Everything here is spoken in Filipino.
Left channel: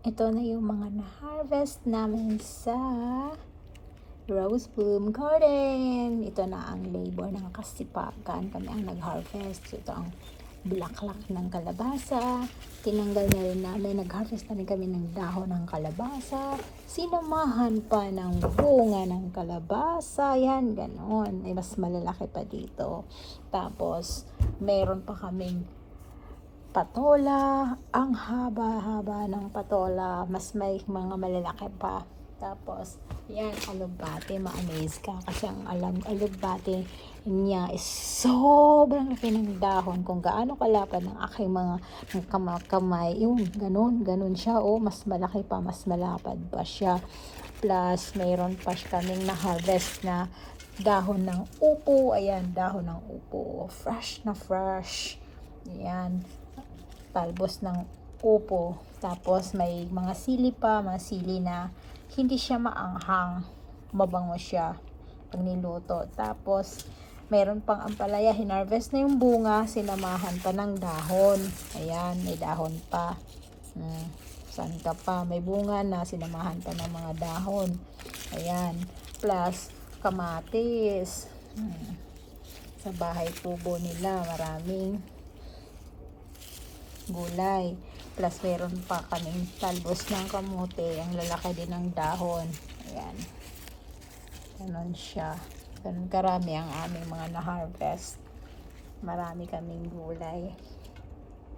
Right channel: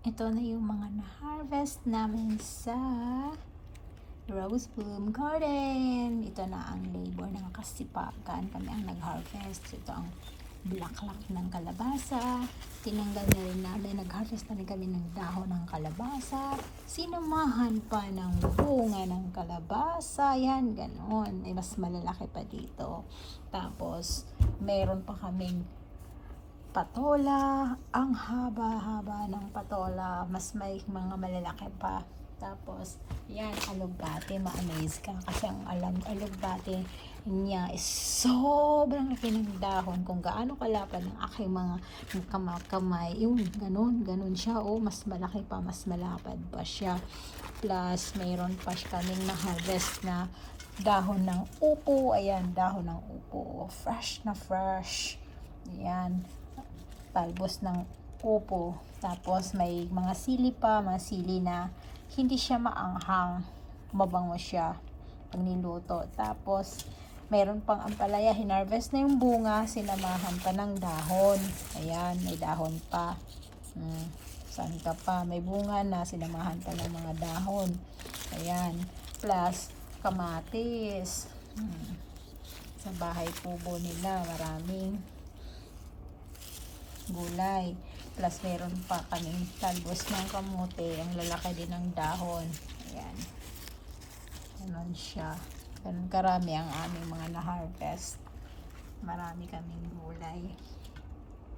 Ito na yung mga na-harvest namin sa Rose Bloom Garden. Ito na ang labor ng kasipagan. Kami ang nag-harvest. Ito ang bulaklak ng kalabasa. Tinanggal na rin namin. Nag-harvest na rin kami ng dahon ng kalabasa. Sinamahan pa ng bunga ng kalabasa. Yan, ganon. Mas malalaki pa dito. Tapos, meron pa kaming patola. Ang haba-haba ng patola. Mas may mga malalaki pa. Tapos, yan, alugbate. Ma-amaze ka. Kasi ang alugbate niya is sobrang laki ng dahon. Kung gaano kalapad ng aking mga kamay. Yun, ganun siya. Oh, mas malaki pa, mas malapad pa siya. Plus, mayroon pa kaming na-harvest na dahon ng upo. Ayan, dahon ng upo. Fresh na fresh. Ayan, talbos ng upo. Tapos may mga sili pa, mga sili na hindi siya maanghang, mabango siya pag niluto. Tapos meron pang ampalaya, hinarvest na yung bunga, sinamahan pa ng dahon. Ayan, may dahon pa. Santa pa, may bunga na, sinamahan pa ng mga dahon. Ayan, plus kamatis. Sa bahay tubo nila, maraming gulay. Plus meron pa kaming talbos ng kamote. Ang lalaki din ng dahon. Ayan. Ganon siya. Ganon karami ang aming mga na-harvest. Marami kaming gulay.